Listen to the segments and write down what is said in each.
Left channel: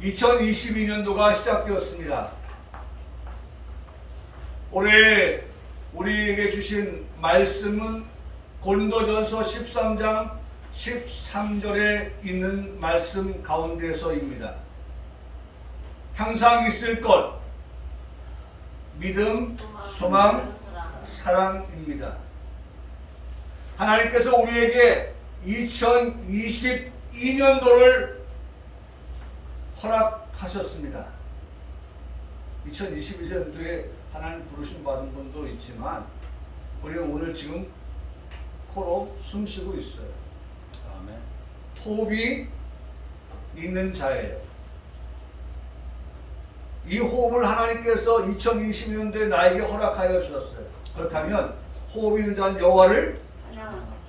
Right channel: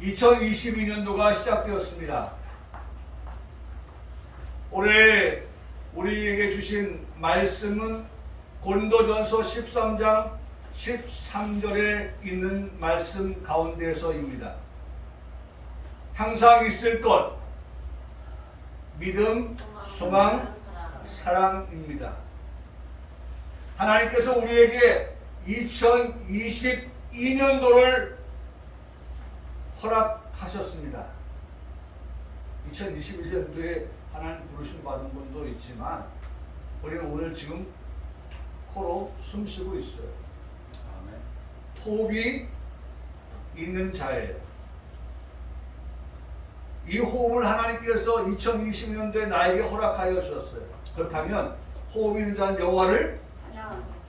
2022년도가 시작되었습니다. 올해 우리에게 주신 말씀은 고린도전서 13장 13절에 있는 말씀 가운데서입니다. 항상 있을 것, 믿음, 소망, 사랑입니다. 하나님께서 우리에게 2022년도를 허락하셨습니다. 2021년도에 하나님 부르심 받은 분도 있지만 우리는 오늘 지금 코로 숨쉬고 있어요. 호흡이 있는 자예요. 이 호흡을 하나님께서 2020년도에 나에게 허락하여 주셨어요. 그렇다면 호흡 있는 자는 여호와를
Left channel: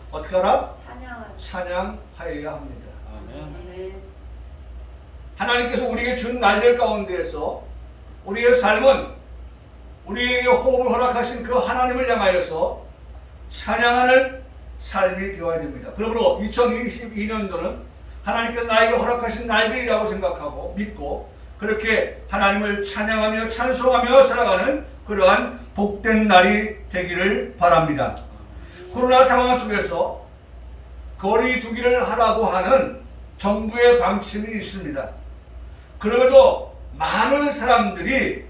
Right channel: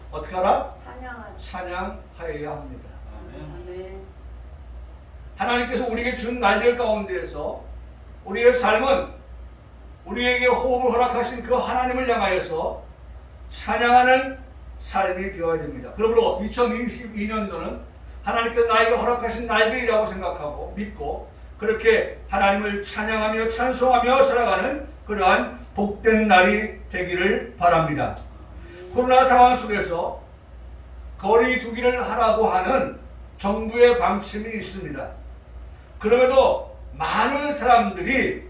어떻게 하라? 찬양하여야 합니다. 하나님께서 우리에게 준 날들 가운데에서 우리의 삶은 우리에게 호흡을 허락하신 그 하나님을 향하여서 찬양하는 삶이 되어야 됩니다. 그러므로 2022년도는 하나님께서 나에게 허락하신 날들이라고 생각하고 믿고 그렇게 하나님을 찬양하며 찬송하며 살아가는 그러한 복된 날이 되기를 바랍니다. 코로나 상황 속에서 거리 두기를 하라고 하는 정부의 방침이 있습니다. 그럼에도 많은 사람들이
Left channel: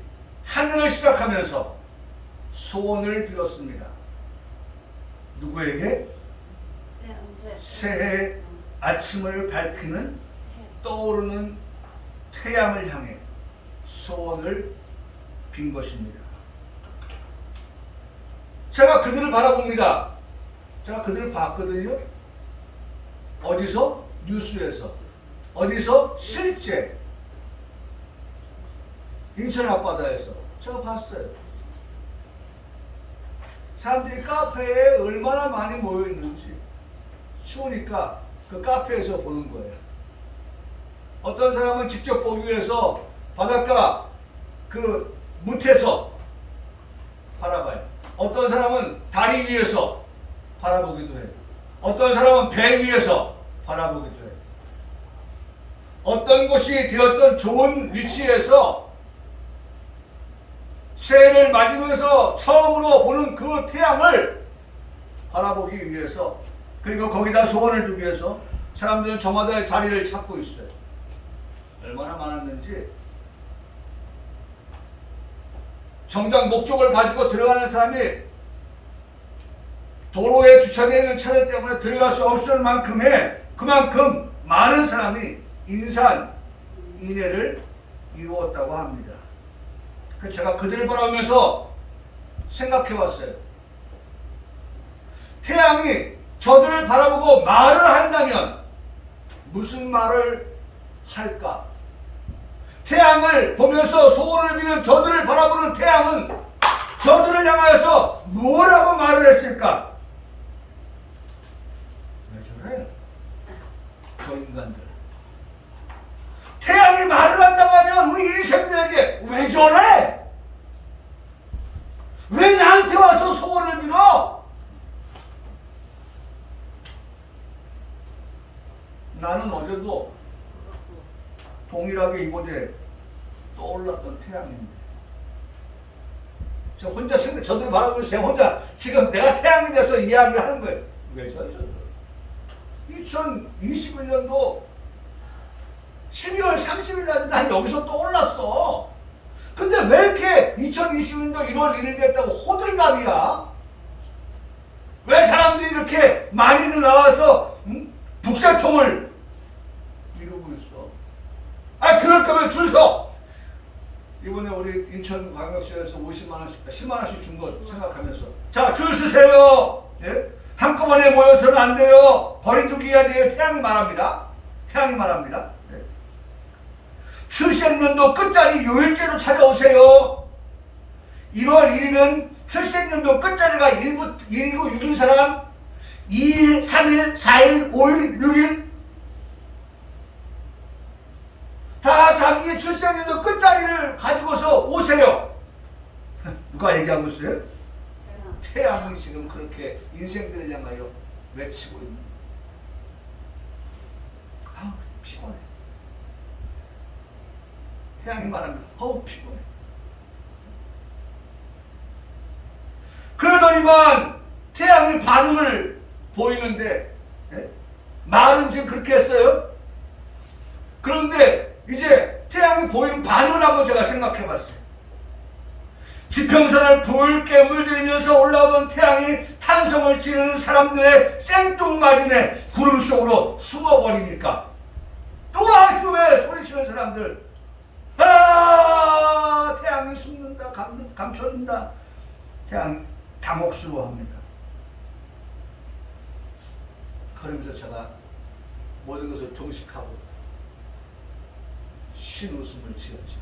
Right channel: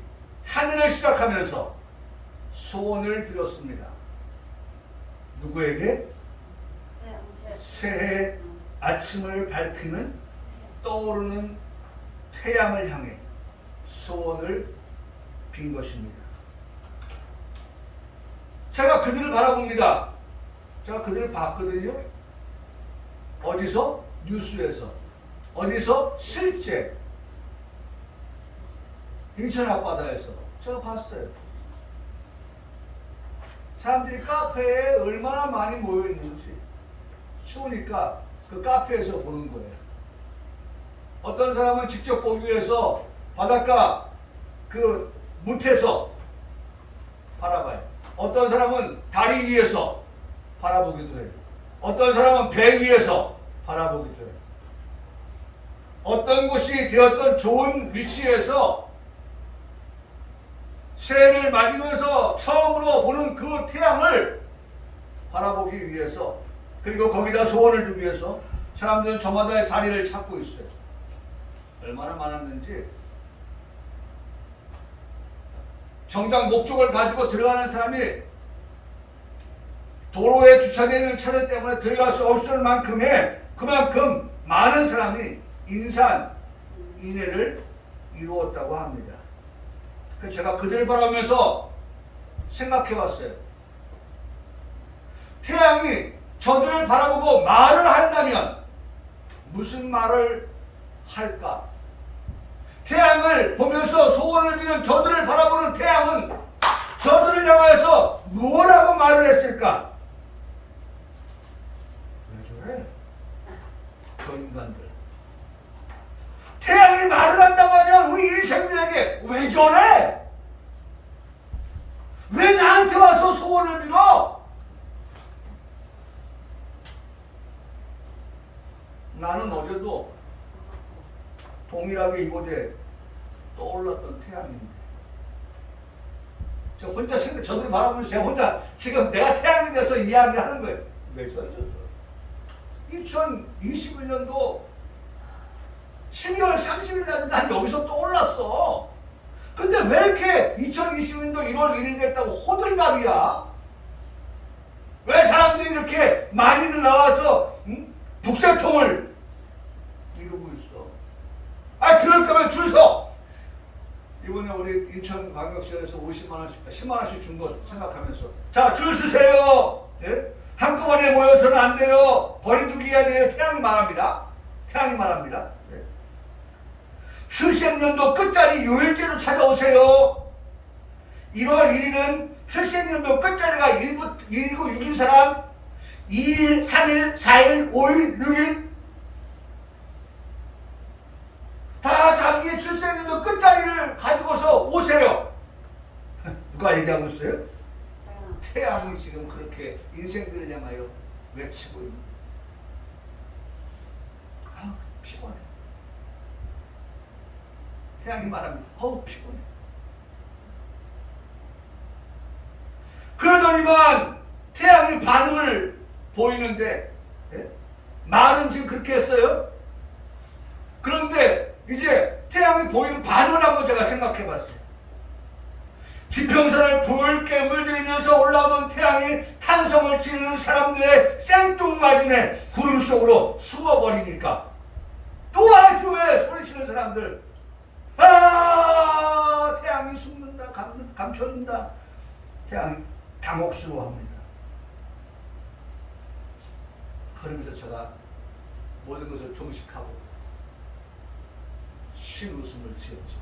하늘을 시작하면서 소원을 빌었습니다. 누구에게? 새해 아침을 밝히는 떠오르는 태양을 향해 소원을 빈 것입니다. 제가 그들을 바라봅니다. 제가 그들을 봤거든요. 어디서? 뉴스에서. 어디서? 실제 인천 앞바다에서 제가 봤어요. 사람들이 카페에 얼마나 많이 모여 있는지 추우니까 그 카페에서 보는 거예요. 어떤 사람은 직접 보기 위해서 바닷가 그 무태서 바라봐요. 어떤 사람은 다리 위에서 바라보기도 해요. 어떤 사람은 배 위에서 바라보기도 해요. 어떤 곳이 되었던 좋은 위치에서 새해를 맞으면서 처음으로 보는 그 태양을 바라보기 위해서 그리고 거기다 소원을 두기 위해서 사람들은 저마다의 자리를 찾고 있어요. 얼마나 많았는지 정작 목적을 가지고 들어가는 사람이 도로에 주차되어 있는 차들 때문에 들어갈 수 없을 만큼의 그만큼 많은 사람이 인산인해를 이루었다고 합니다. 제가 그들 바라보면서 생각해 봤어요. 태양이 저들을 바라보고 말을 한다면 무슨 말을 할까? 태양을 보면서 소원을 비는 저들을 바라보는 태양은 저들을 향하여서 뭐라고 말을 했을까? 왜 저래? 저 인간들. 태양이 말을 한다고 하면 우리 인생들에게 왜 저래? 왜 나한테 와서 소원을 빌어? 나는 어제도 동일하게 이곳에 떠올랐던 태양입니다. 저 혼자 저들 바라보면서 제가 혼자 지금 내가 태양이 돼서 이야기를 하는 거예요. 왜 저래 저들? 2021년도 12월 30일 날 난 여기서 떠올랐어. 근데 왜 이렇게 2020년도 1월 1일 됐다고 호들갑이야? 왜 사람들이 이렇게 많이들 나와서 북새통을 이루고 있어? 아, 그럴 거면 줄 서. 이번에 우리 인천광역시에서 10만 원씩 준 거 생각하면서 자, 줄 서세요. 예? 한꺼번에 모여서는 안 돼요. 거리두기가 돼요. 태양이 말합니다. 태양이 말합니다. 네. 출생년도 끝자리 요일제로 찾아오세요. 1월 1일은 출생년도 끝자리가 1구 6인 사람 2일, 3일, 4일, 5일, 6일 다 자기의 출생년도 끝자리를 가지고서 오세요. 누가 얘기하고 있어요? 태양이 지금 그렇게 인생들을 향하여 외치고 있는. 아, 피곤해. 태양이 말합니다. 피곤해. 그러더니만 태양이 반응을 보이는데, 예? 말은 지금 그렇게 했어요. 그런데 이제 태양이 보이는 반응을 한번 제가 생각해 봤어요. 지평선을 붉게 물들이면서 올라오던 태양이 탄성을 지르는 사람들의 생뚱맞음에 구름 속으로 숨어버리니까 또 아수에 소리치는 사람들, 태양이 숨는다, 감춰진다. 태양이 당혹스러워합니다. 그러면서 제가 모든 것을 종식하고 신웃음을 지었죠.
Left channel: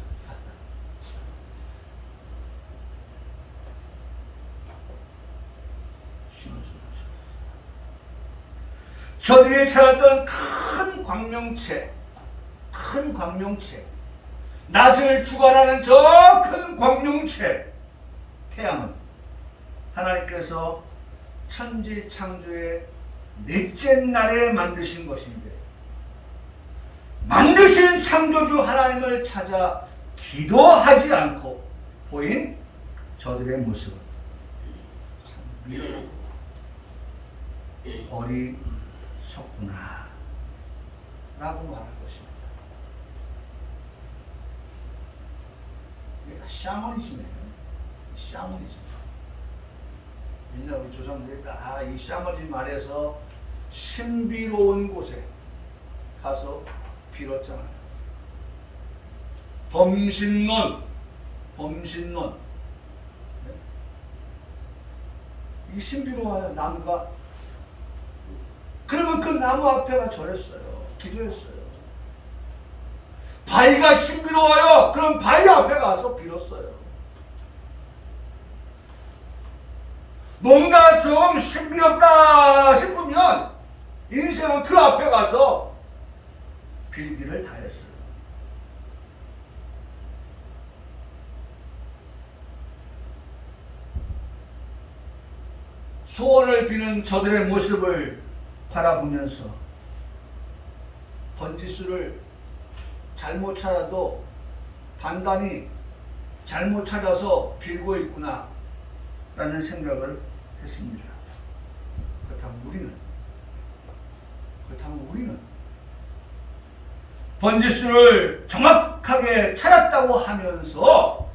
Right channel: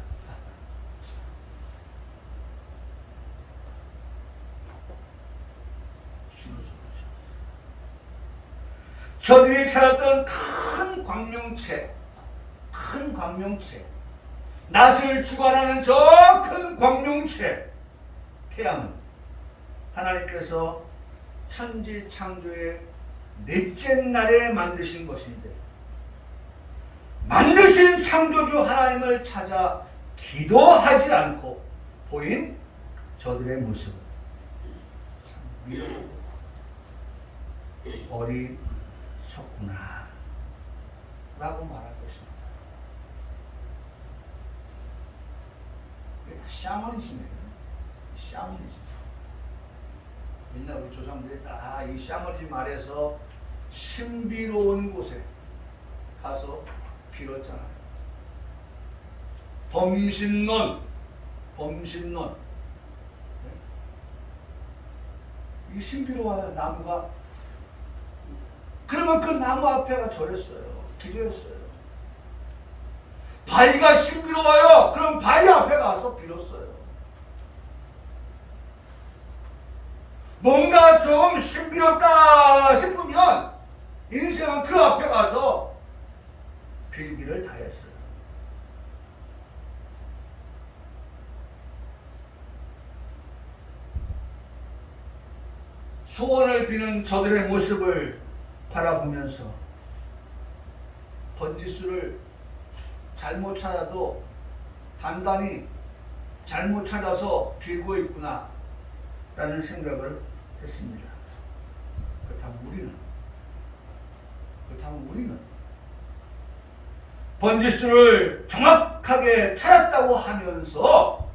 신웃음을 지었어요. 저들이 찾았던 큰 광명체, 낯을 주관하는 저 큰 광명체, 태양은 하나님께서 천지 창조의 넷째 날에 만드신 것인데, 만드신 창조주 하나님을 찾아 기도하지 않고 보인 저들의 모습은 참 어리석구나 라고 말할 것입니다. 이게 다 샤머니즘이에요. 샤머니즘. 옛날 우리 조상들이 다 이 샤머니즘 말에서 신비로운 곳에 가서 빌었잖아요. 범신론. 네? 이 신비로워요, 나무가. 그러면 그 나무 앞에가 절했어요. 기도했어요. 바위가 신비로워요. 그럼 바위 앞에 가서 빌었어요. 뭔가 좀 신비롭다 싶으면 인생은 그 앞에 가서 빌기를 다했어요. 소원을 비는 저들의 모습을 바라보면서 번지수를 잘못 찾아도 단단히 잘못 찾아서 빌고 있구나 라는 생각을 했습니다. 그렇다면 우리는 번지수를 정확하게 찾았다고 하면서,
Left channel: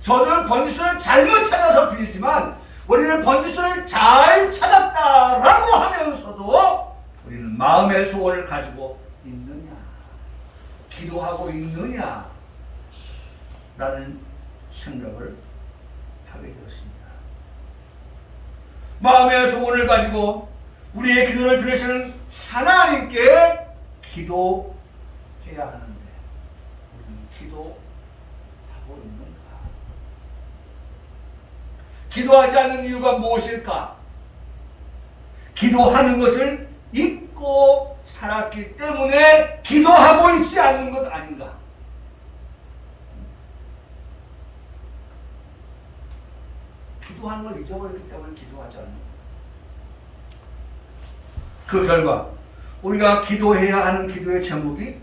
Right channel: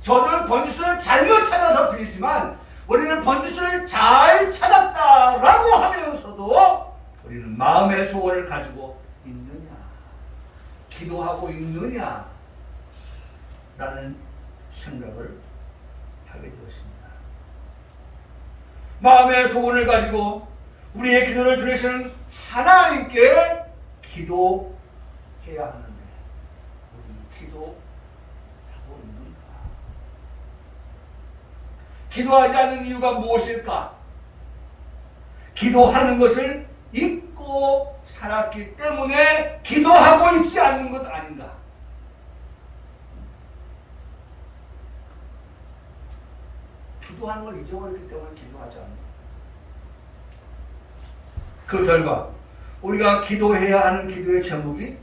저는 번지수를 잘못 찾아서 빌지만 우리는 번지수를 잘 찾았다라고 하면서도 우리는 마음의 소원을 가지고 있느냐, 기도하고 있느냐 라는 생각을 하게 되었습니다. 마음의 소원을 가지고 우리의 기도를 들으시는 하나님께 기도해야 하는데 우리는 기도하고 있는가? 기도하지 않는 이유가 무엇일까? 기도하는 것을 잊고 살았기 때문에 기도하고 있지 않는 것 아닌가? 기도하는 걸 잊어버렸기 때문에 기도하지 않는 것. 그 결과 우리가 기도해야 하는 기도의 제목이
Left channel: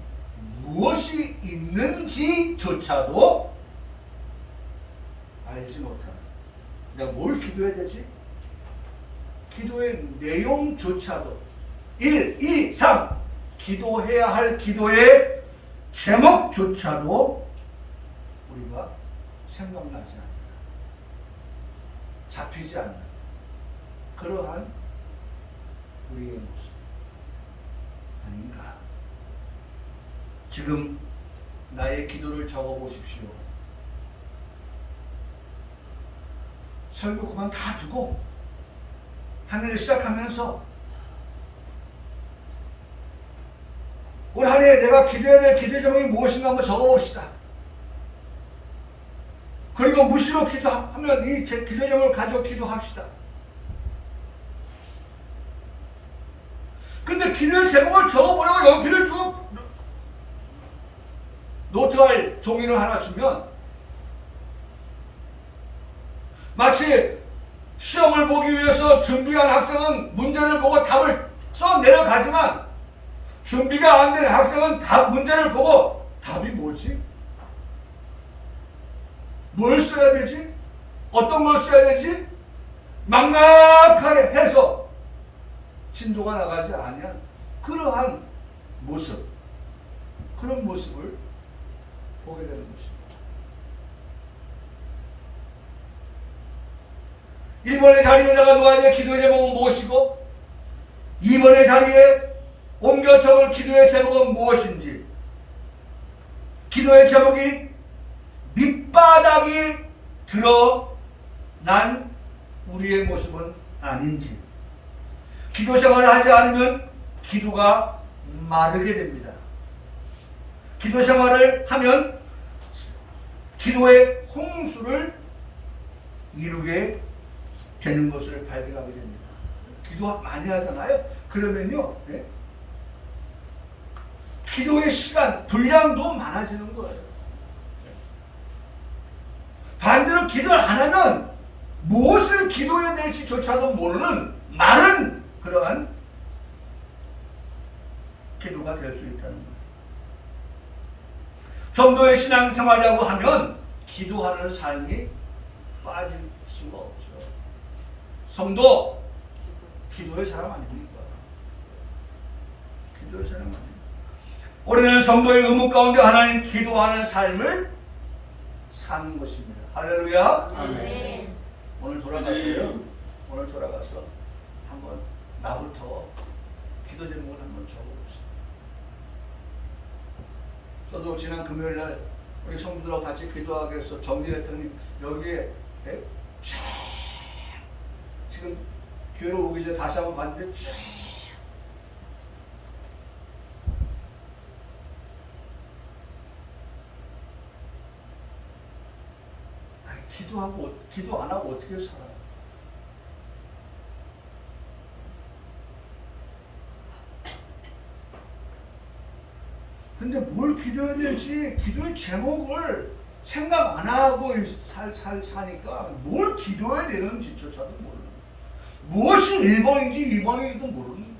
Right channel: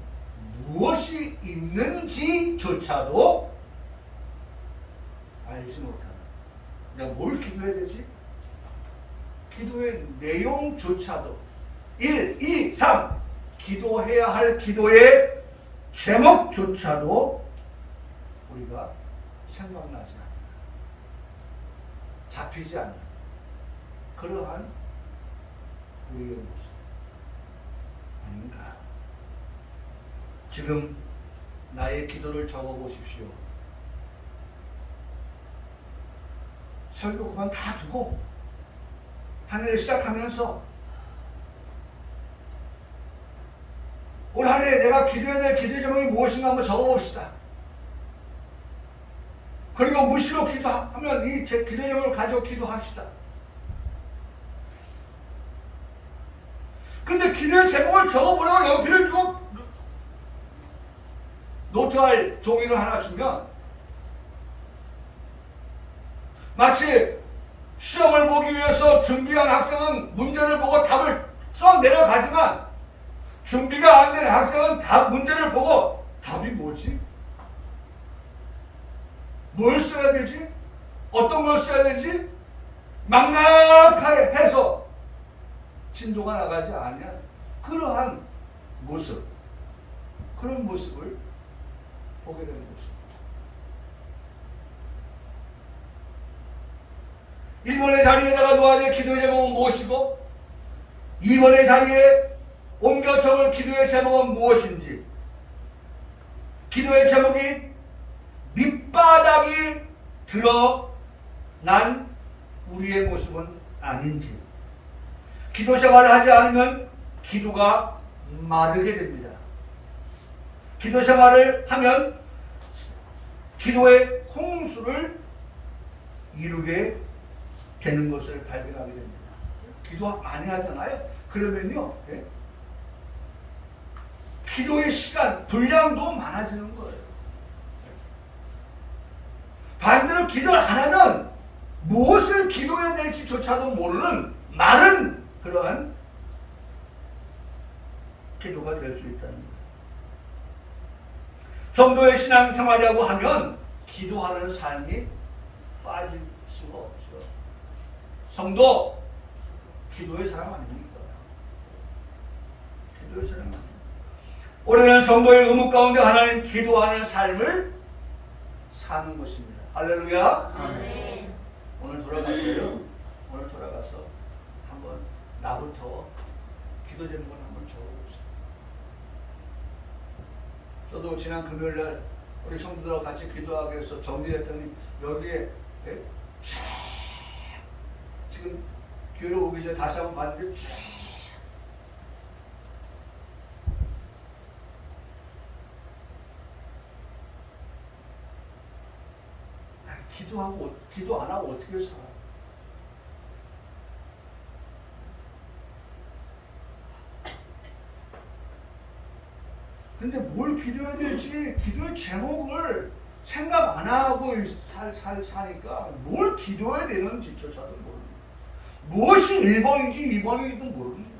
무엇이 있는지조차도 알지 못하는, 내가 뭘 기도해야 되지? 기도의 내용조차도 1, 2, 3 기도해야 할 기도의 제목조차도 우리가 생각나지 않는, 잡히지 않는 그러한 우리의 모습 아닌가? 지금 나의 기도를 적어보십시오. 설교 그만 다 두고 한 해를 시작하면서 올 한 해 내가 기도해야 될 기도의 제목이 무엇인가 한번 적어봅시다. 그리고 무시로 기도하면 이 제 기도의 제목을 가지고 기도합시다. 근데 기도의 제목을 적어보려고 연필을 주고 노트할 종이를 하나 주면 마치 시험을 보기 위해서 준비한 학생은 문제를 보고 답을 써 내려가지만 준비가 안 된 학생은 문제를 보고 답이 뭐지? 뭘 써야 되지? 어떤 걸 써야 되지? 막막하게 해서 진도가 나가지 않으면 그러한 모습, 그런 모습을 보게 되는 것입니다. 일본의 자리에다가 놓아야 될 기도의 제목은 무엇이고 2번의 자리에 옮겨 적을 기도의 제목은 무엇인지, 기도의 제목이 밑바닥이 드러난 우리의 모습은 아닌지, 기도 생활을 하지 않으면 기도가 마르게 됩니다. 기도 생활을 하면 기도의 홍수를 이루게 되는 것을 발견하게 됩니다. 기도 많이 하잖아요. 그러면요, 기도의 시간, 분량도 많아지는 거예요. 반대로 기도를 안 하면 무엇을 기도해야 될지조차도 모르는 많은 그러한 기도가 될 수 있다는 거예요. 성도의 신앙생활이라고 하면 기도하는 삶이 빠질 수가 없죠. 성도, 기도의 사람 아닙니까? 기도의 사람 아닙니까? 우리는 성도의 의무 가운데 하나는 기도하는 삶을 사는 것입니다. 할렐루야. 아멘. 오늘 돌아가서요. 오늘 돌아가서 한번 나부터 기도 제목을 한번 적어보세요. 저도 지난 금요일날 우리 성도들하고 같이 기도하기 위해서 정리했더니 여기에 지금 교회로 오기 전에 다시 한번 봤는데 기도 안 하고 어떻게 살아요? 근데 뭘 기도해야 될지 기도의 제목을 생각 안 하고 사니까 뭘 기도해야 되는지조차도 모르는 거예요. 무엇이 1번인지 2번인지도 모르는 거예요.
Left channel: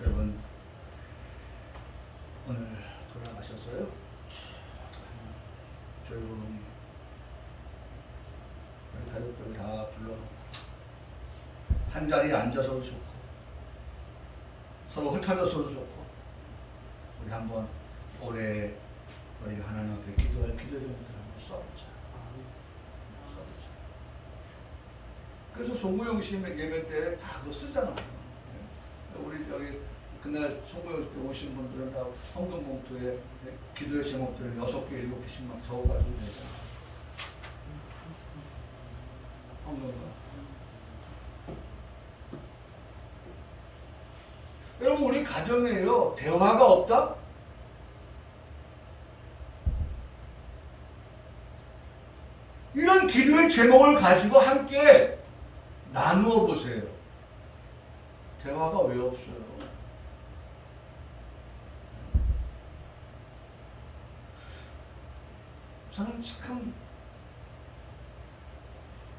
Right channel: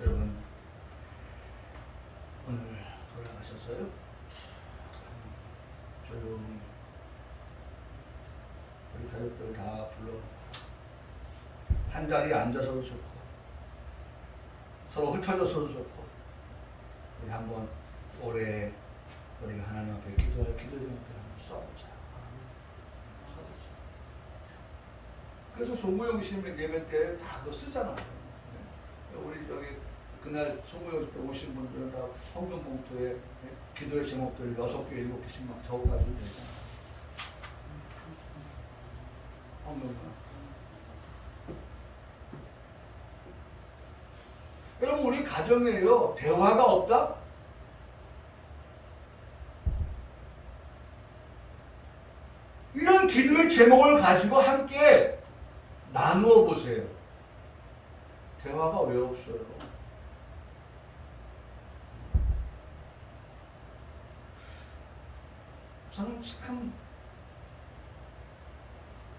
여러분, 오늘 돌아가셨어요? 조용히 우리 가족들 다 불러놓고 한 자리에 앉아서도 좋고 서로 흩어져서도 좋고 우리 한번 올해 우리 하나님 앞에 기도할 기도 제목들 한번 써보자. 그래서 송무영 씨 예배 때 다 그거 쓰잖아요. 우리 여기 그날 송무영 씨 오신 분들은 다 헌금 봉투에 기도의 제목들을 6개, 7개씩 막 적어가지고 되잖아요. 헌금과. 여러분, 우리 가정에요, 대화가 없다? 이런 기도의 제목을 가지고 함께 나누어 보세요. 대화가 왜 없어요? 저는 참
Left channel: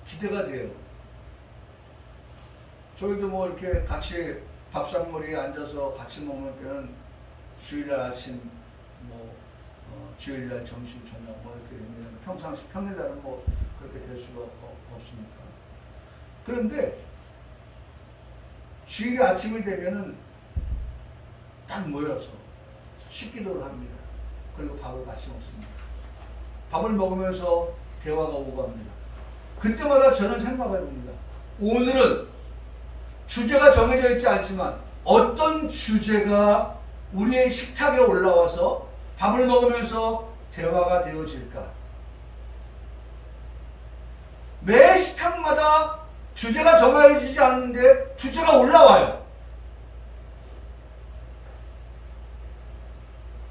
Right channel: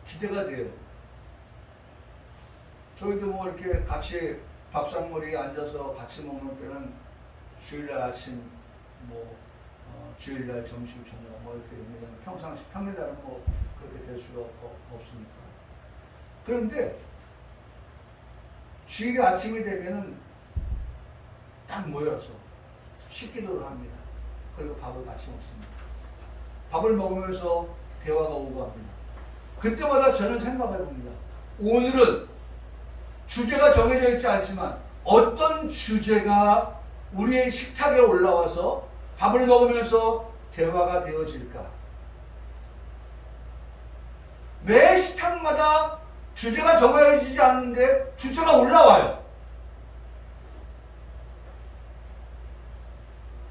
기대가 돼요. 저희도 뭐 이렇게 같이 밥상머리에 앉아서 같이 먹는 때는 주일날 아침, 주일날 점심, 저녁 이렇게 평상시 평일날은 그렇게 될 수가 없으니까. 그런데 주일 아침이 되면은 딱 모여서 식기도를 합니다. 그리고 밥을 같이 먹습니다. 밥을 먹으면서 대화가 오고 합니다. 그때마다 저는 생각해 봅니다. 오늘은 주제가 정해져 있지 않지만 어떤 주제가 우리의 식탁에 올라와서 밥을 먹으면서 대화가 되어질까? 매 식탁마다 주제가 정해지지 않는데 주제가 올라와요.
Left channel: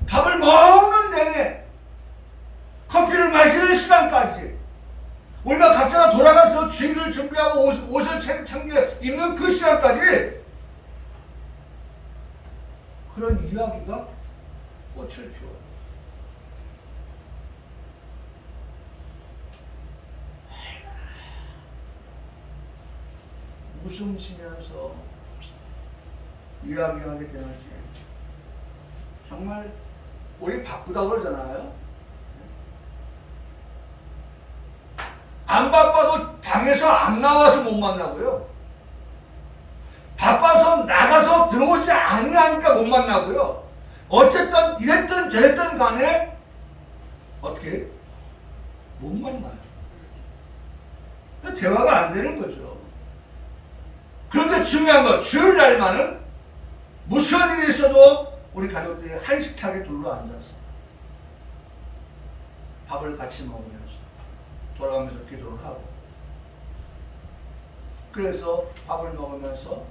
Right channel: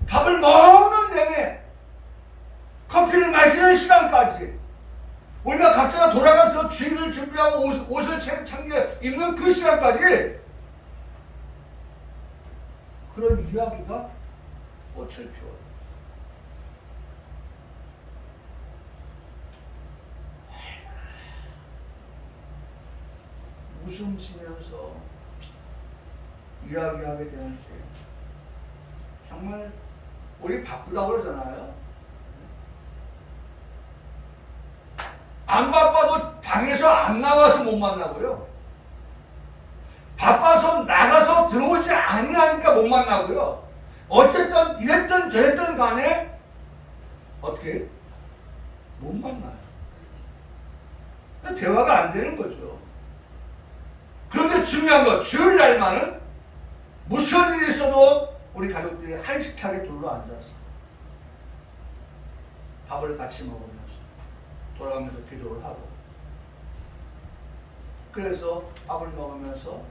밥을 먹는 내내 커피를 마시는 시간까지 우리가 각자가 돌아가서 주일을 준비하고 옷을 챙겨 입는 그 시간까지 그런 이야기가 꽃을 피워요. 웃음치면서 이야기하게 되는지 정말 우리 바쁘다고 그러잖아요. 안 바빠도 방에서 안 나와서 못 만나고요. 바빠서 나가서 들어오지 아니하니까 못 만나고요. 어쨌든 이랬든 저랬든 간에 어떻게 못 만나요. 대화가 안 되는 거죠. 그런데 중요한 건 주일날만은 무슨 일이 있어도 우리 가족들이 한식하게 둘러앉아서 밥을 같이 먹으면서 돌아가면서 기도를 하고, 그래서 밥을 먹으면서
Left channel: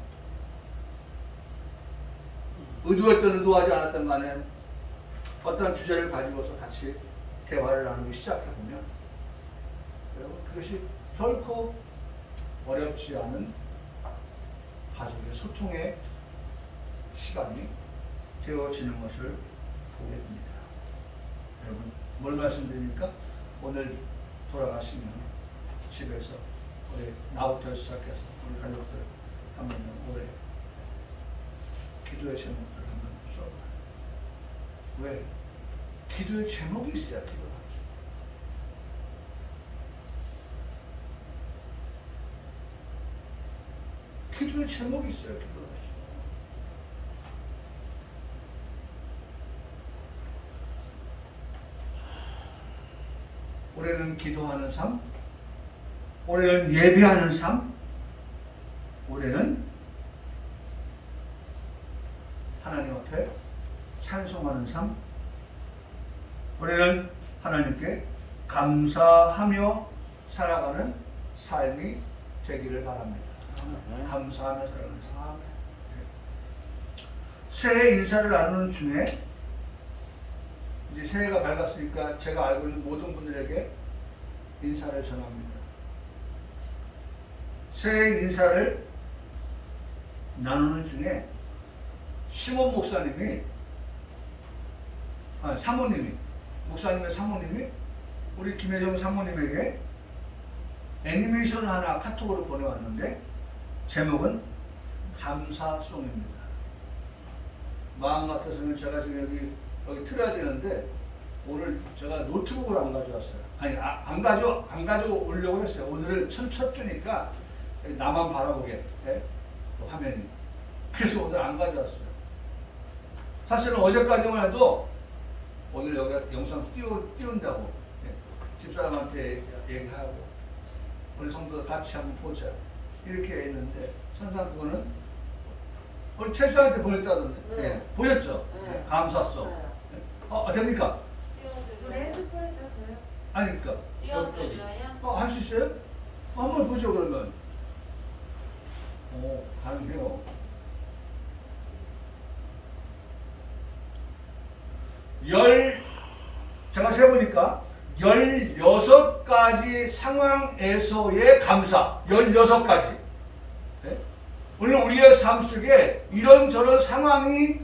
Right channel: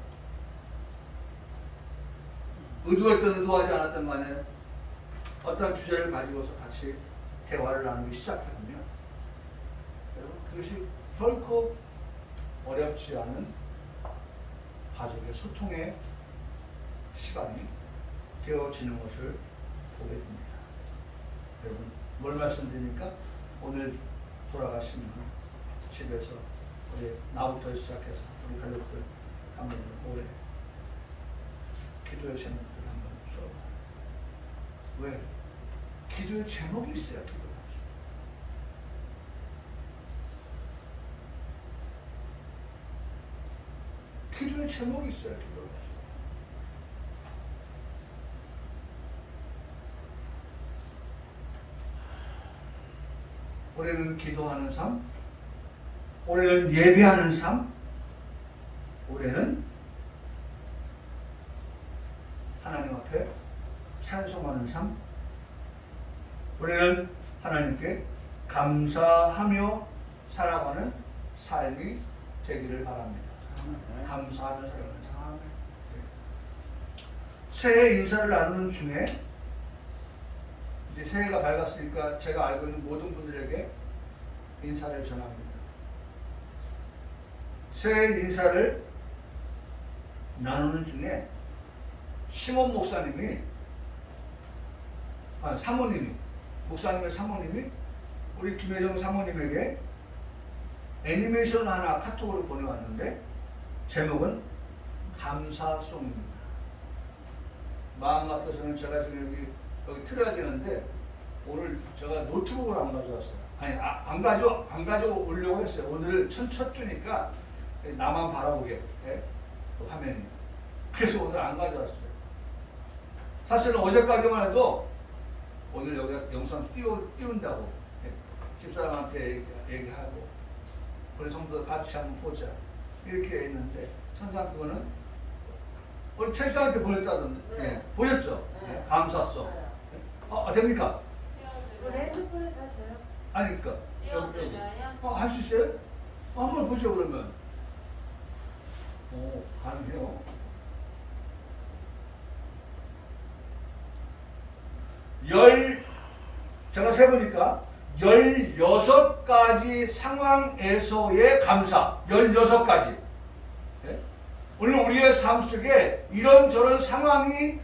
의도했든 의도하지 않았든 간에 어떤 주제를 가지고서 같이 대화를 나누기 시작하면 그것이 결코 어렵지 않은 가족의 소통의 시간이 되어지는 것을 보게 됩니다. 여러분, 뭘 말씀드리니까 오늘 돌아가시면 집에서 우리 나부터 시작해서 우리 가족들 한번 올해 기도의 제목들 한번 써봐. 왜? 기도의 제목이 있어야 기도를 하죠. 기도의 제목이 있어야 기도를 하죠. 올해는 기도하는 삶, 올해는 예배하는 삶, 올해는 하나님 앞에 찬송하는 삶, 올해는 하나님께 감사하며 살아가는 삶이 되기를 바랍니다. 감사하며 살아가는 삶. 새해 인사를 나누는 중에 이제 새해가 밝았으니까 제가 알고 있는 모든 분들에게 인사를 전합니다. 새해 인사를 나누는 중에 시몬 목사님이, 목사님의 사모님이 우리 김혜정 사모님에게 애니메이션을 하나 카톡으로 보내왔는데 제목은 감사송입니다. 마음 같아서는 제가 지금 여기 틀어야 되는데 오늘 제가 노트북을 안 가져왔어요. 아니, 안 가져오려고 했어요. 오늘은 첫 주니까 나만 바라보게, 화면이. 그래서 오늘 안 가져왔어요. 사실은 어제까지만 해도 오늘 여기 영상 띄운다고 집사람한테 얘기하고 우리 성도들 같이 한번 보자 이렇게 했는데 선상 그거는 우리 최수한테 보냈다던데. 보였죠? 감사송. 됩니까? 아니까. 할 수 있어요? 한번 보죠 그러면. 가능해요. 제가 세보니까 16가지 상황에서의 감사. 16가지. 오늘 우리의 삶 속에 이런저런 상황이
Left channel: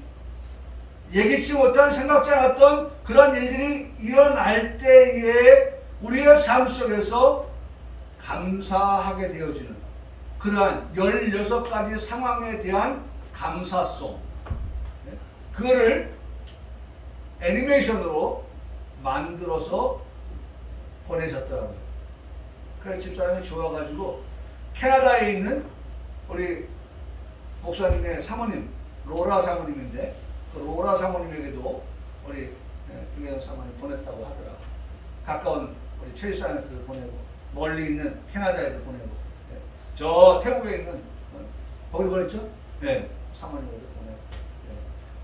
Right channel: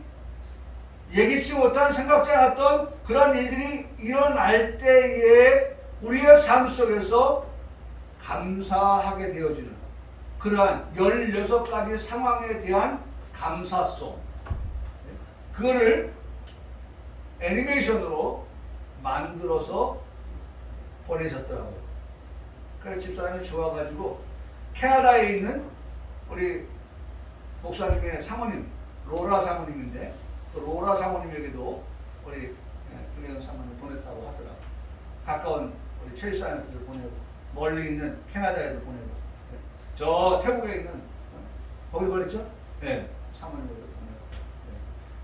예기치 못한, 생각지 않았던 그런 일들이 일어날 때에 우리의 삶 속에서 감사하게 되어지는 그러한 16가지 상황에 대한 감사송, 그거를 애니메이션으로 만들어서 보내셨더라고요. 그래서 집사람이 좋아가지고 캐나다에 있는 우리 목사님의 사모님, 로라 사모님인데 그 로라 사모님에게도 우리 김혜정 사모님 보냈다고 하더라고요. 가까운 우리 최일사한테도 보내고 멀리 있는 캐나다에도 보내고 저 태국에 있는 거기 보냈죠? 네, 사모님에게도 보내고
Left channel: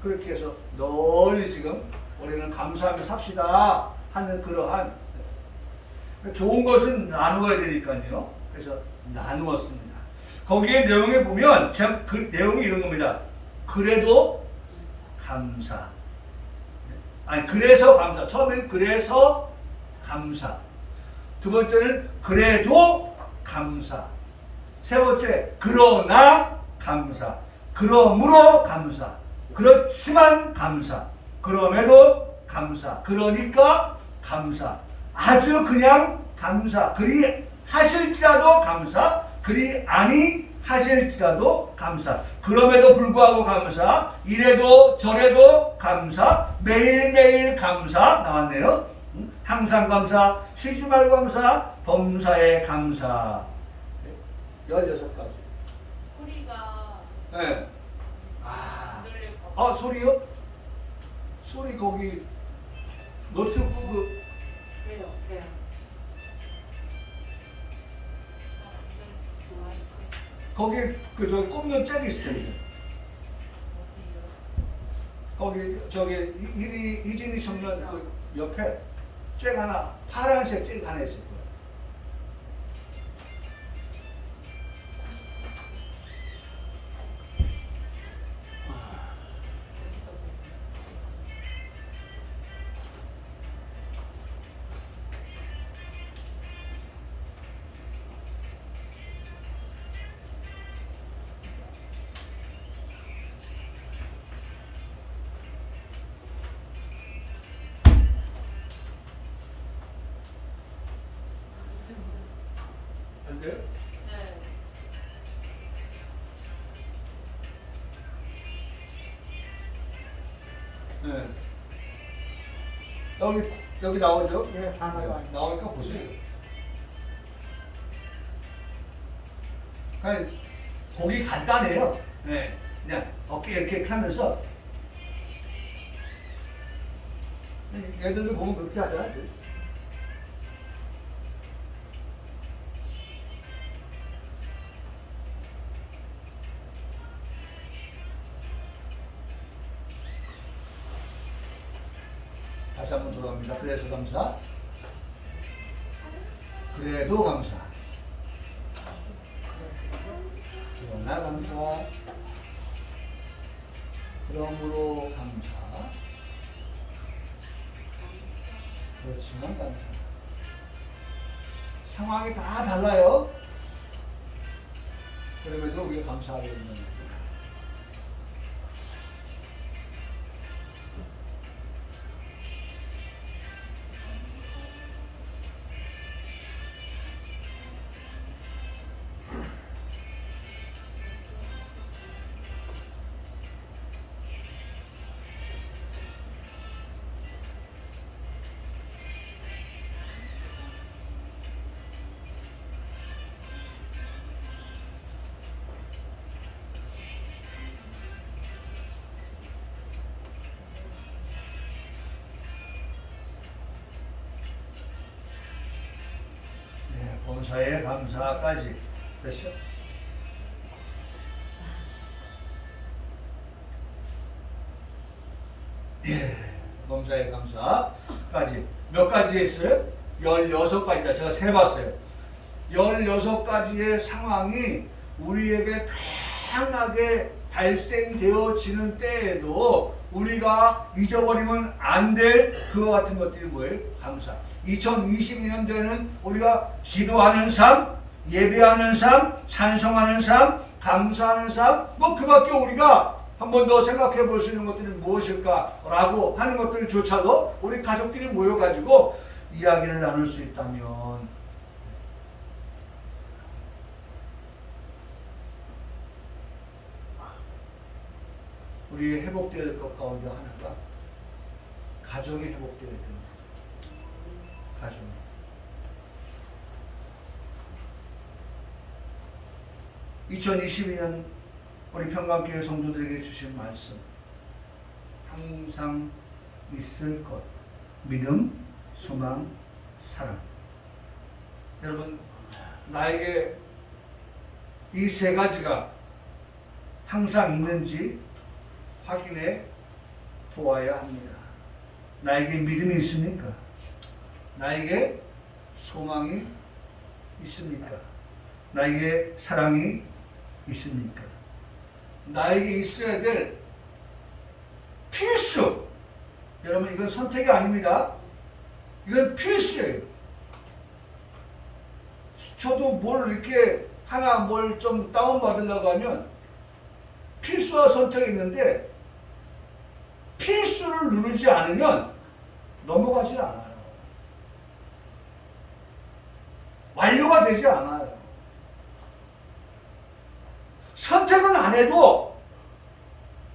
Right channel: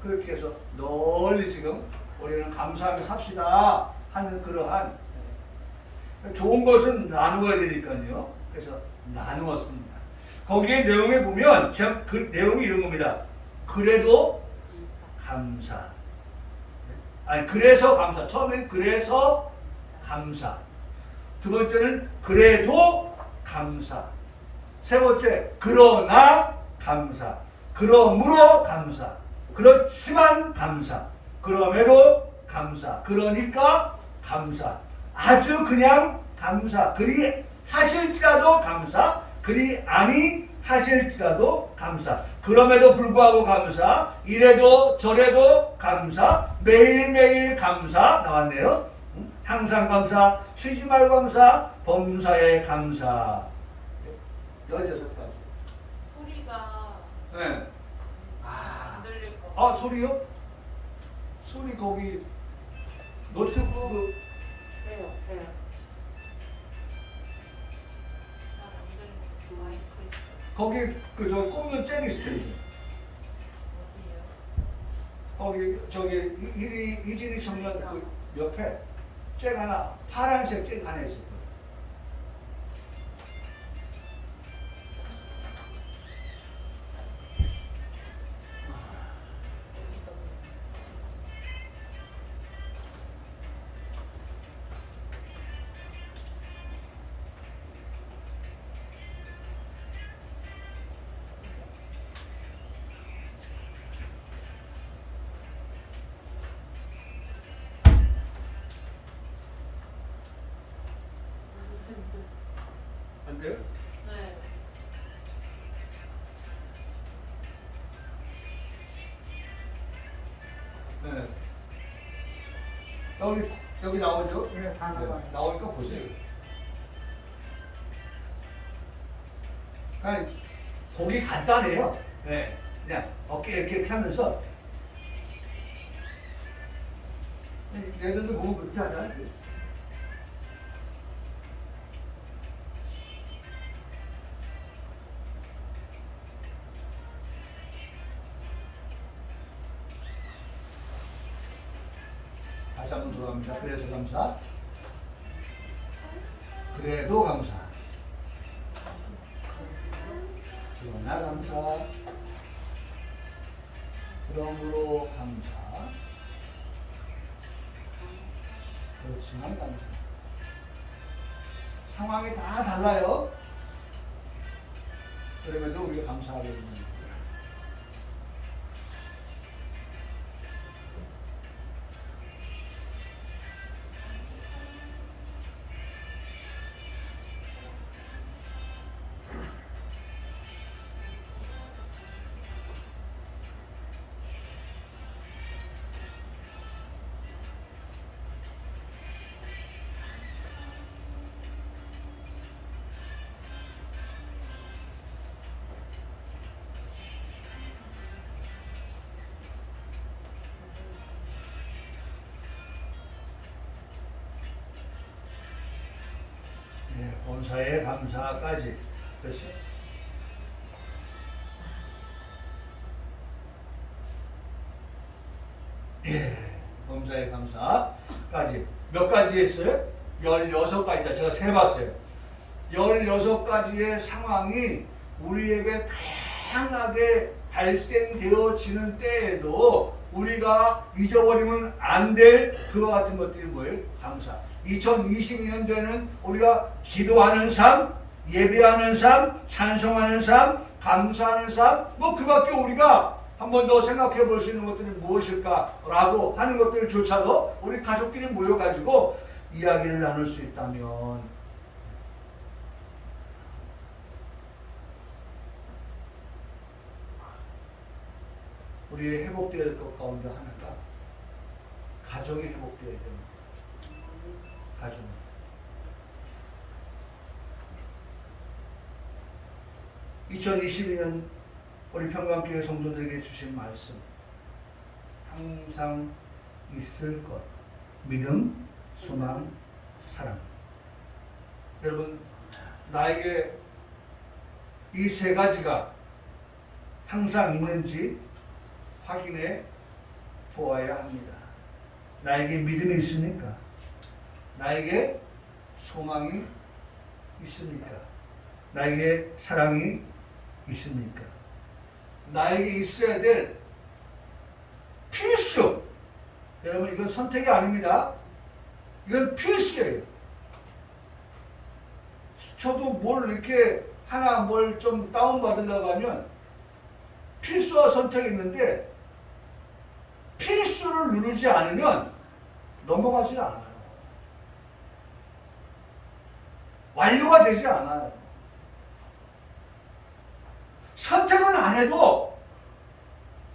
그렇게 해서 널리 지금 우리는 감사하며 삽시다 하는 그러한 좋은 것은 나누어야 되니까요. 그래서 나누었습니다. 거기에 내용에 보면 그 내용이 이런 겁니다. 그래도 감사. 그래서 감사. 처음엔 그래서 감사. 두 번째는 그래도 감사. 세 번째, 그러나 감사. 그러므로 감사. 그렇지만 감사. 그럼에도 감사. 그러니까 감사. 아주 그냥 감사. 그리 하실지라도 감사. 그리 아니 하실지라도 감사. 그럼에도 불구하고 감사. 이래도 저래도 감사. 매일매일 감사. 나왔네요. 항상 감사. 쉬지 말고 감사. 범사에 감사. 16가지. 소리가 네. 안 들릴 것 같아요. 소리요? 소리 거기 노트북 돼요. 잘안 들리고 마이크 있어. 거기 저 꼽는 잭이 있어요. 어디요? 거기 저기 이진이 청년 그 옆에 잭 하나 파란색 잭 하나 있을 거예요. 안 돼요? 네. 네. 여기 나오죠? 네, 다 나와요. 나오니까 보세요. 그냥 보기 간단해요. 네. 그냥 어깨 이렇게 하면서 얘들도 보면 그렇게 하잖아요. 다시 한번 돌아갑니다. 그래서 감사. 그래도 감사. 그러나 감사. 그러므로 감사. 그렇지만 감사. 상황이 다 달라요. 그럼에도 우리가 감사하고 있는 거예요. 본사의 감사까지. 됐죠? 범사의 감사까지. 몇 가지 했어요? 16가지다. 제가 세봤어요. 16가지의 상황이 우리에게 다양하게 발생되어지는 때에도 우리가 잊어버리면 안 될 그와 같은 것들이 뭐예요? 감사. 2022년도에는 우리가 기도하는 삶, 예배하는 삶, 찬송하는 삶, 감사하는 삶, 뭐 그밖에 우리가 한 번 더 생각해 볼 수 있는 것들은 무엇일까라고 하는 것들조차도 우리 가족끼리 모여가지고 이야기를 나눌 수 있다면 우리 회복되어야 될 것 가운데 하나가 가정이 회복되어야 됩니다. 가정. (2022년) 우리 평강교회 성도들에게 주신 말씀 항상 있을 것 믿음, 소망, 사랑. 여러분 나에게 이 세 가지가 항상 있는지 확인해 보아야 합니다. 나에게 믿음이 있습니까? 나에게 소망이 있습니까? 나에게 사랑이 있습니까? 나에게 있어야 될 필수. 여러분 이건 선택이 아닙니다. 이건 필수예요. 저도 뭘 이렇게 하나 뭘 좀 다운받으려고 하면 필수와 선택이 있는데 필수를 누르지 않으면 넘어가지 않아요. 완료가 되지 않아요. 선택은 안 해도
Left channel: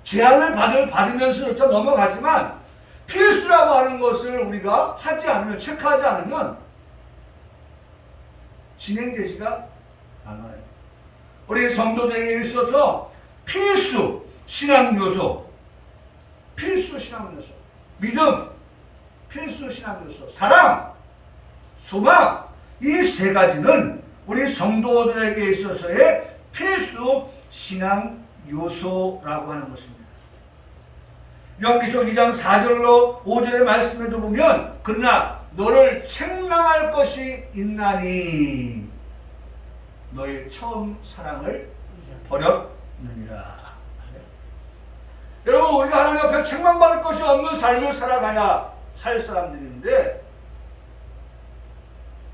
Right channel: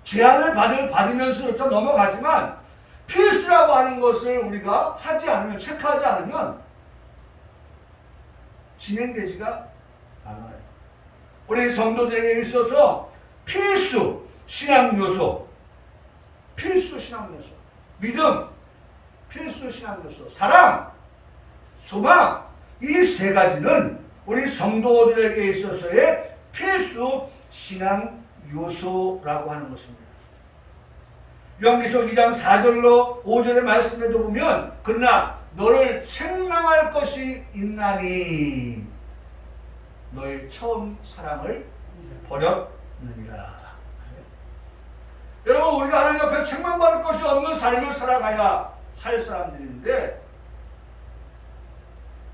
제한을 받으면서 좀 넘어가지만 필수라고 하는 것을 우리가 하지 않으면, 체크하지 않으면 진행되지가 않아요. 우리 성도들에게 있어서 필수 신앙 요소, 믿음, 필수 신앙 요소, 사랑, 소망, 이 세 가지는 우리 성도들에게 있어서의 필수 신앙 요소라고 하는 것입니다. 요한계시록 2장 4절로 5절의 말씀에도 보면 그러나 너를 책망할 것이 있나니 너의 처음 사랑을 버렸느니라. 여러분, 우리가 하나님 앞에 책망받을 것이 없는 삶을 살아가야 할 사람들인데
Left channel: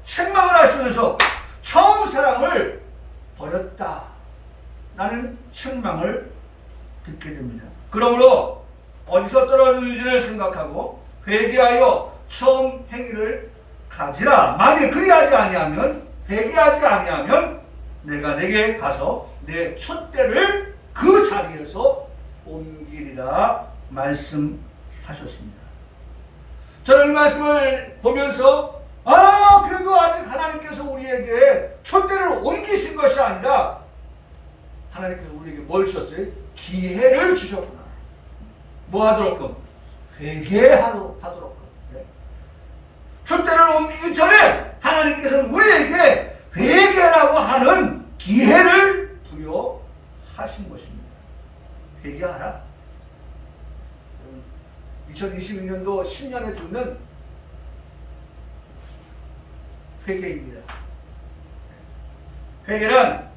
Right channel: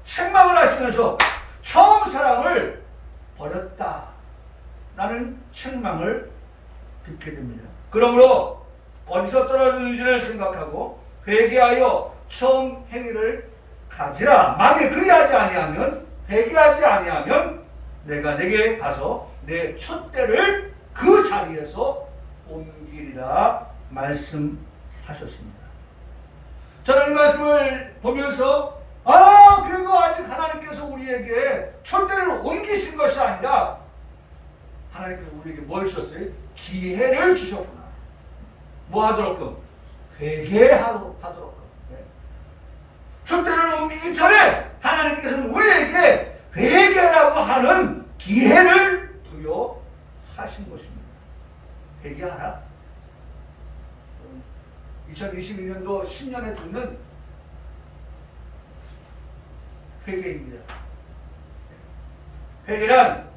책망을 하시면서 처음 사랑을 버렸다 라는 책망을 듣게 됩니다. 그러므로 어디서 떨어졌는지를 생각하고 회개하여 처음 행위를 가지라. 만일 그리하지 아니하면, 회개하지 아니하면 내가 내게 가서 내 촛대를 그 자리에서 옮기리라 말씀하셨습니다. 저는 이 말씀을 보면서 그리고 아직 하나님께서 우리에게 촛대를 옮기신 것이 아니라 하나님께서 우리에게 뭘 주셨어요? 기회를 주셨구나. 뭐 하도록끔? 회개하도록. 촛대를 옮기기 전에 하나님께서는 우리에게 회개라고 하는 기회를 부여하신 것입니다. 회개하라. 2022년도 신년에 듣는 회개입니다. 회개란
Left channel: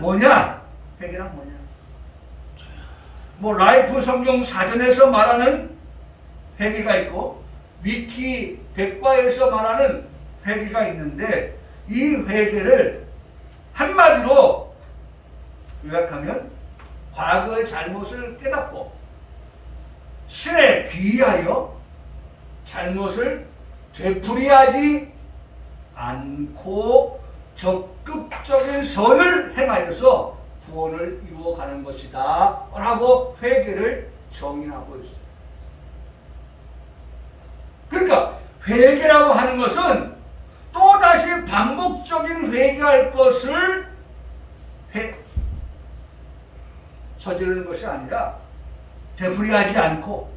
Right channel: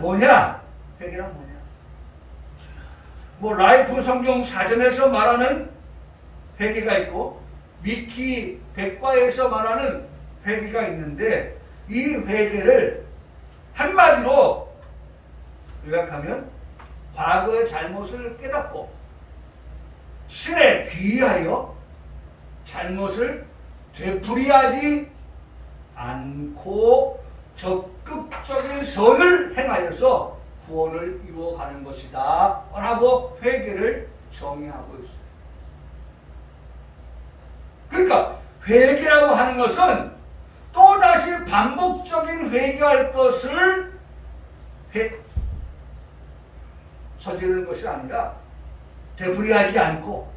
뭐냐? 회개란 뭐냐? 뭐 라이프 성경 사전에서 말하는 회개가 있고 위키 백과에서 말하는 회개가 있는데 이 회개를 한마디로 요약하면 과거의 잘못을 깨닫고 신에 귀의하여 잘못을 되풀이하지 않고 적극적인 선을 행하여서 구원을 이루어가는 것이다 라고 회개를 정의하고 있어요. 그러니까 회개라고 하는 것은 또다시 반복적인 회개할 것을 저지르는 것이 아니라 되풀이하지 않고,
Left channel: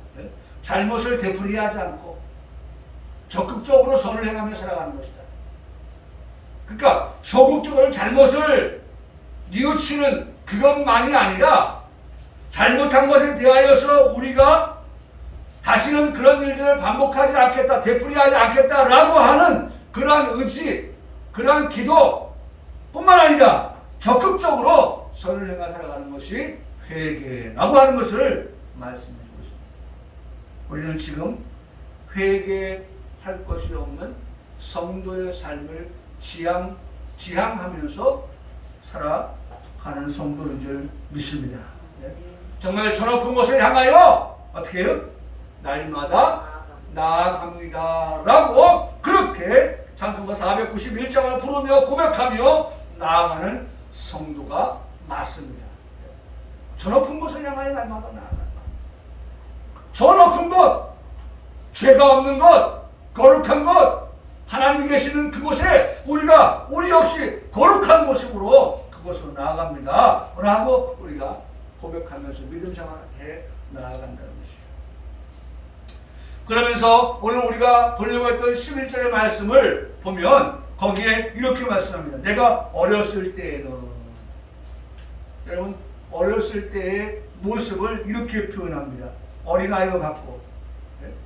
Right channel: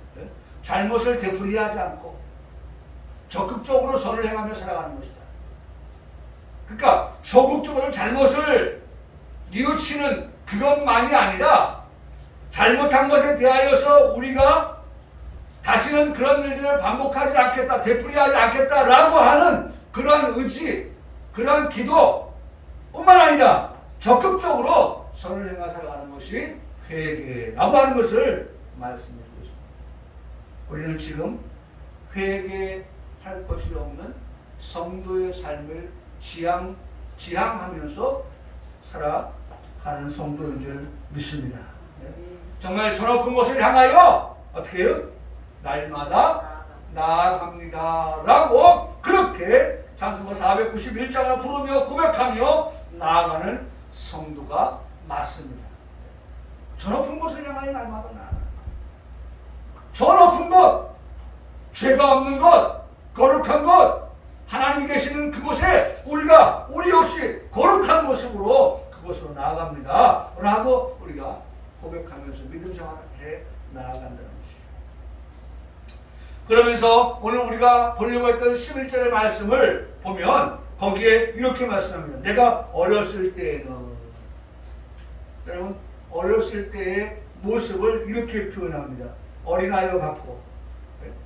잘못을 되풀이하지 않고 적극적으로 선을 행하며 살아가는 것이다. 그러니까 소극적으로 잘못을 뉘우치는 그것만이 아니라 잘못한 것에 대하여서 우리가 다시는 그런 일들을 반복하지 않겠다, 되풀이하지 않겠다라고 하는 그러한 의지, 그러한 기도 뿐만 아니라 적극적으로 선을 행하 살아가는 것이 회개라고 하는 것을 말씀해주고 있습니다. 우리는 지금 회개할 것이 없는 성도의 삶을 지향하면서 살아가는 성도인 줄 믿습니다. 정말 저 높은 곳을 향하여 어떻게 해요? 날마다 나아갑니다 라고 그렇게 찬송가 491장을 부르며 고백하며 나아가는 성도가 맞습니다. 저 높은 곳을 향하여 날마다 나아갑니다. 저 높은 곳, 죄가 없는 곳, 거룩한 곳, 하나님이 계시는 그곳에 우리 역시 거룩한 모습으로 그곳으로 나아갑니다 라고 우리가 고백하면서 믿음 생활해 나아간다는 것입니다. 그러면서 오늘 우리가 보려고 했던 11절의 말씀을 보면 거기에 이렇게 말씀합니다. 내가 어렸을 때에는, 여러분 어렸을 때의 모습을 이렇게 표현합니다. 어린아이와 같고,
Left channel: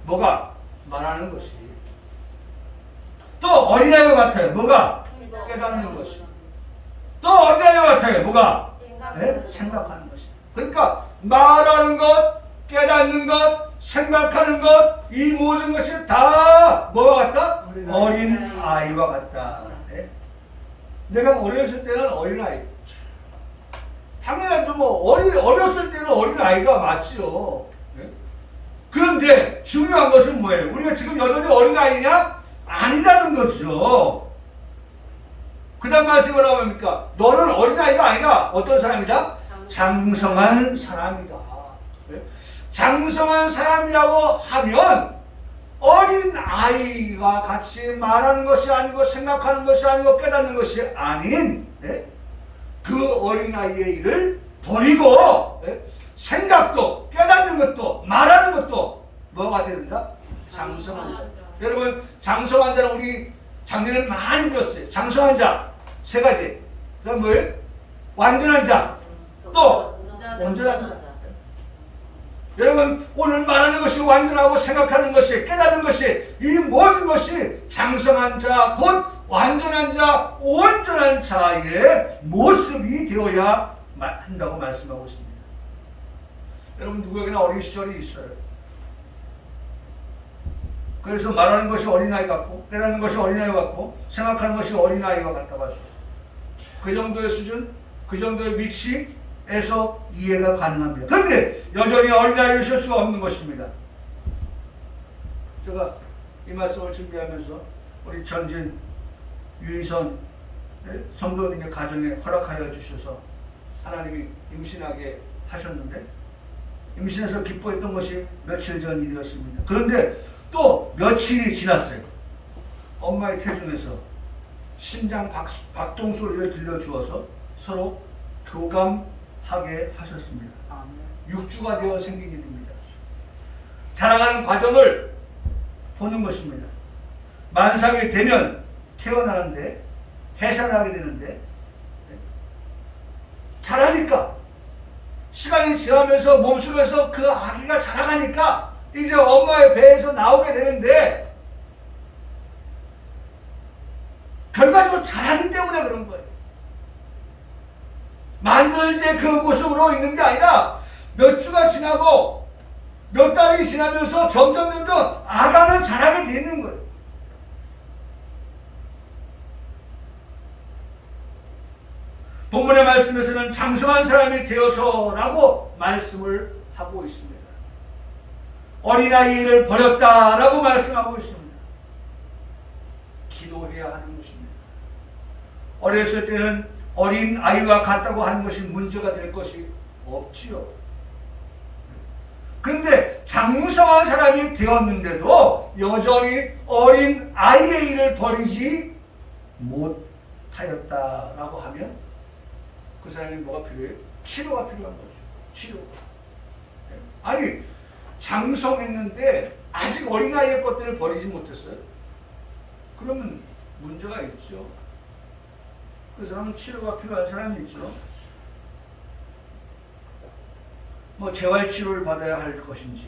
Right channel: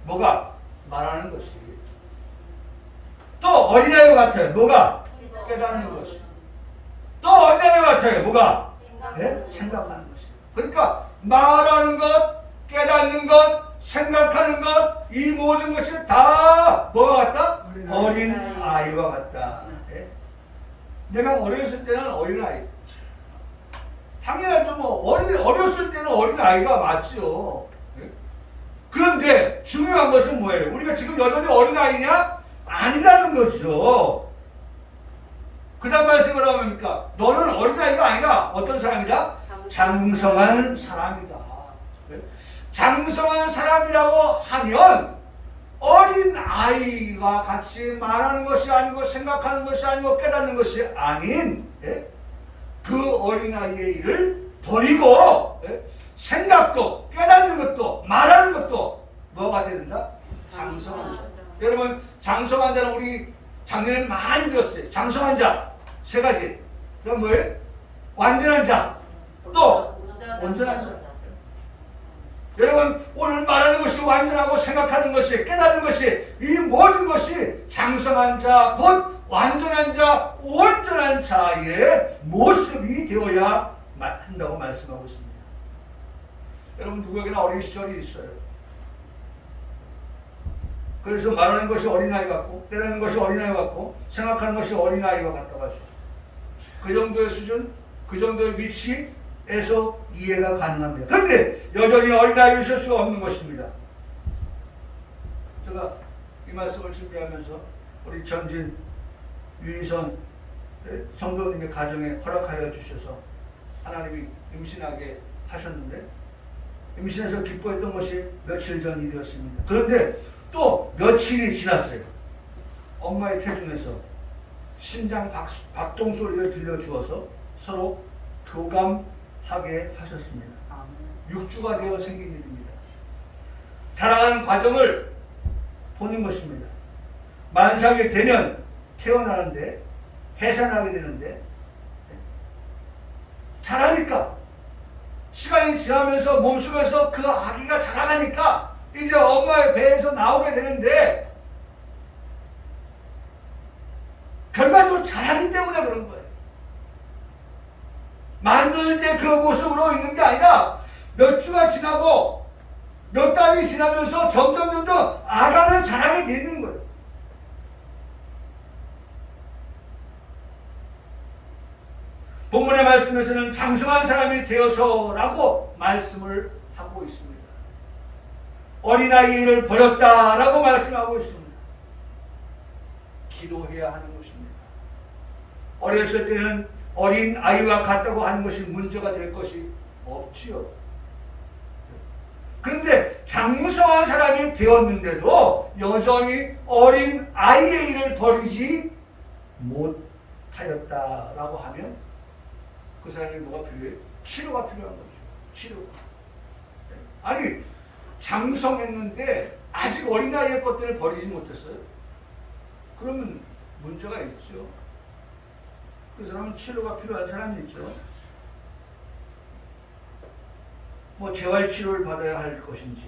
뭐가? 말하는 것이. 또 어린아이와 같아요. 뭐가? 깨닫는 것이. 또 어린아이와 같아요. 뭐가? 생각하는 것이. 그러니까 말하는 것, 깨닫는 것, 생각하는 것, 이 모든 것이 다 뭐와 같다? 어린아이와 같다. 내가 어렸을 때는 어린아이. 당연하죠. 어렸을 때는 어린아이가 맞죠. 그런데 중요한 것은 뭐예요? 우리가 지금 여전히 어린아이냐? 아니라는 거죠. 그 다음 말씀이 뭐라고 합니까? 너는 어린아이가 아니라 어떤 사람이다? 장성한 사람이다. 장성한 사람이라고 하면 어린아이가 같이 말하는 것이 아니고 생각하는 것이 아니고 깨닫는 것이 아닌 그 어린아이의 일을 버리고 생각도 깨닫는 것도 말하는 것도 뭐가 된다? 장성한 자. 여러분 장성한 자는 우리 작년에 많이 들었어요. 장성한 자 세 가지. 그다음 뭐예요? 완전한 자. 또 온전한 자. 여러분 오늘 말하는 것이 완전하고 생각하는 것이 깨닫는 것이 이 모든 것이 장성한 자 곧 완전한 자 온전한 자의 모습이 되어야 한다고 말씀하고 있습니다. 여러분 누구에게나 어린 시절이 있어요. 그래서 말하는 것이 어린아이 같고 깨닫는 것이 어린아이 같고 생각하는 것이 어린아이와 같다고 할 수 있어요. 그 정도의 수준, 그 정도의 위치에서 이해가 가능합니다. 그런데 여전히 어린아이일 수가 없는 것입니다. 제가 이 말씀을 준비하면서 우리 전진 유인선 성도님의 가정에 허락하여 주셔서 하나님이 임신하게 하셨는데 임신해서 기뻐했던 것이 며칠 전 일이었습니다. 그런데 또 며칠이 지났어요. 엄마의 태중에서 심장 박동 소리를 들려주어서 서로 교감하게 하셨습니다. 6주가 되어 생긴 일입니다. 자라가는 과정을 보는 것입니다. 만삭이 되면 태어나는데 해산하게 되는데 자라니까 시간이 지나면서 몸속에서 그 아기가 자라가니까 이제 엄마의 배에서 나오게 되는데 결과적으로 자라기 때문에 그런 거예요. 만들 때 그 모습으로 있는 게 아니라 몇 주가 지나고 몇 달이 지나면서 점점 아가는 자라게 되는 거예요. 본문의 말씀에서는 장성한 사람이 되어서라고 말씀을 하고 있습니다. 어린아이를 버렸다라고 말씀하고 있습니다. 기도해야 하는 것입니다. 어렸을 때는 어린아이와 같다고 하는 것이 문제가 될 것이 없지요. 그런데 장성한 사람이 되었는데도 여전히 어린아이의 일을 버리지 못하였다라고 하면 그 사람이 뭐가 필요해요? 치료가 필요한 거죠. 치료. 아니 장성했는데 아직 어린아이의 것들을 버리지 못했어요. 그러면 문제가 있죠. 그 사람은 치료가 필요한 사람이 있죠. 뭐 재활치료를 받아야 할 것인지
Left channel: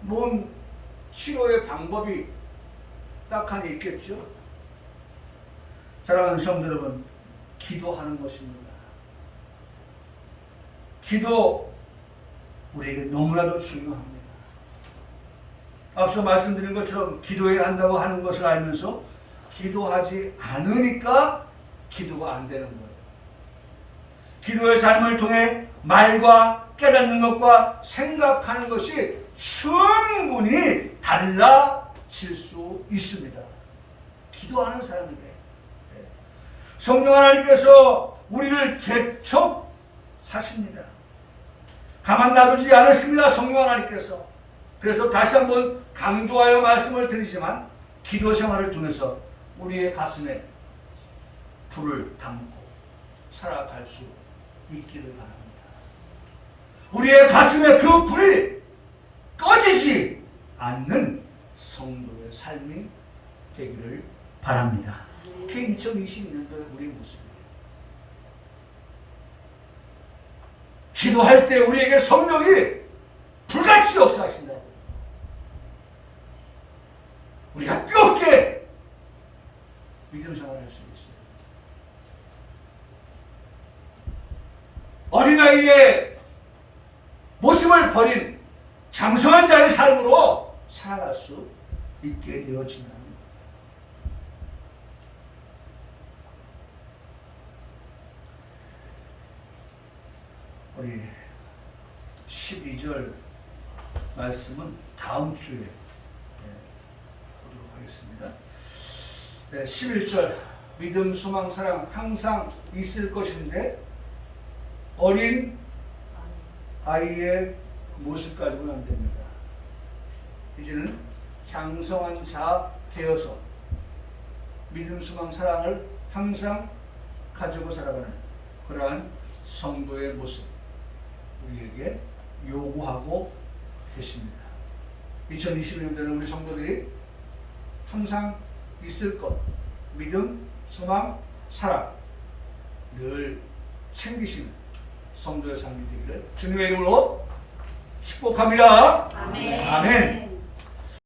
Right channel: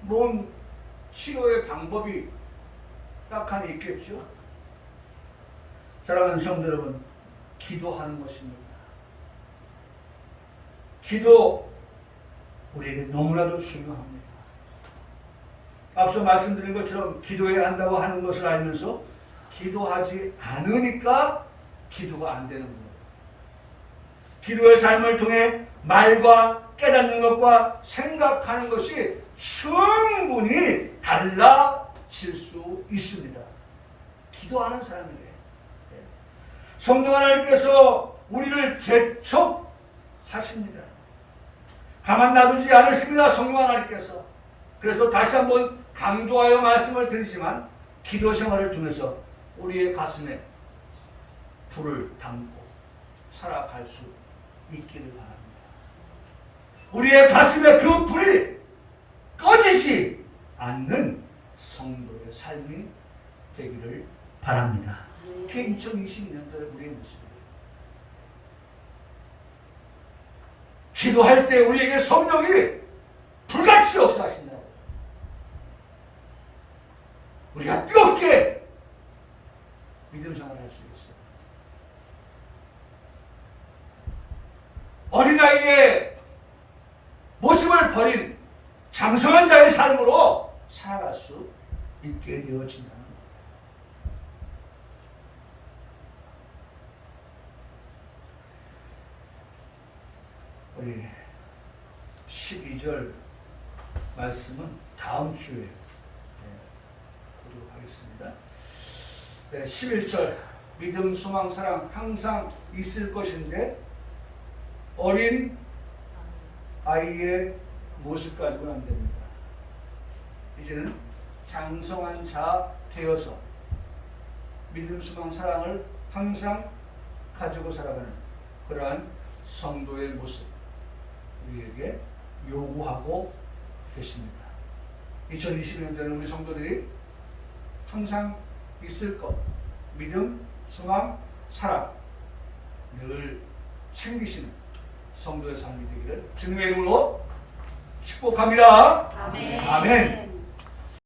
뭔 치료의 방법이 딱하니 있겠죠. 사랑하는 성도 여러분, 기도하는 것입니다. 기도 우리에게 너무나도 중요합니다. 앞서 말씀드린 것처럼 기도해야 한다고 하는 것을 알면서 기도하지 않으니까 기도가 안 되는 거예요. 기도의 삶을 통해 말과 깨닫는 것과 생각하는 것이 충분히 달라질 수 있습니다. 기도하는 사람에게. 성령 하나님께서 우리를 재촉하십니다. 가만 놔두지 않으십니다. 성령 하나님께서. 그래서 다시 한번 강조하여 말씀을 드리지만 기도 생활을 통해서 우리의 가슴에 불을 담고 살아갈 수 있기를 바랍니다. 우리의 가슴에 그 불이 꺼지지 않는 성도의 삶이 되기를 바랍니다. 그게 2022년도의 우리의 모습이에요. 기도할 때 우리에게 성령이 불같이 역사하신다. 우리가 뜨겁게 믿음 생활을 할 수 있어요. 어린아이의 모습을 버린 장성한 자의 삶으로 살아갈 수 있게 되어진다는 거예요. 우리 12절 말씀은 다음 주에 보도록 하겠습니다. 11절 믿음, 소망, 사랑 항상 있을 것인데 어린 아이의 모습 가지고는 안 됩니다. 이제는 장성한 자 되어서 믿음, 소망, 사랑을 항상 가지고 살아가는 그러한 성도의 모습 우리에게 요구하고 계십니다. 2021년도에는 우리 성도들이 항상 있을 것 믿음, 소망, 사랑 늘 챙기시는 성도의 삶이 되기를 주님의 이름으로 축복합니다. 아멘. 아멘.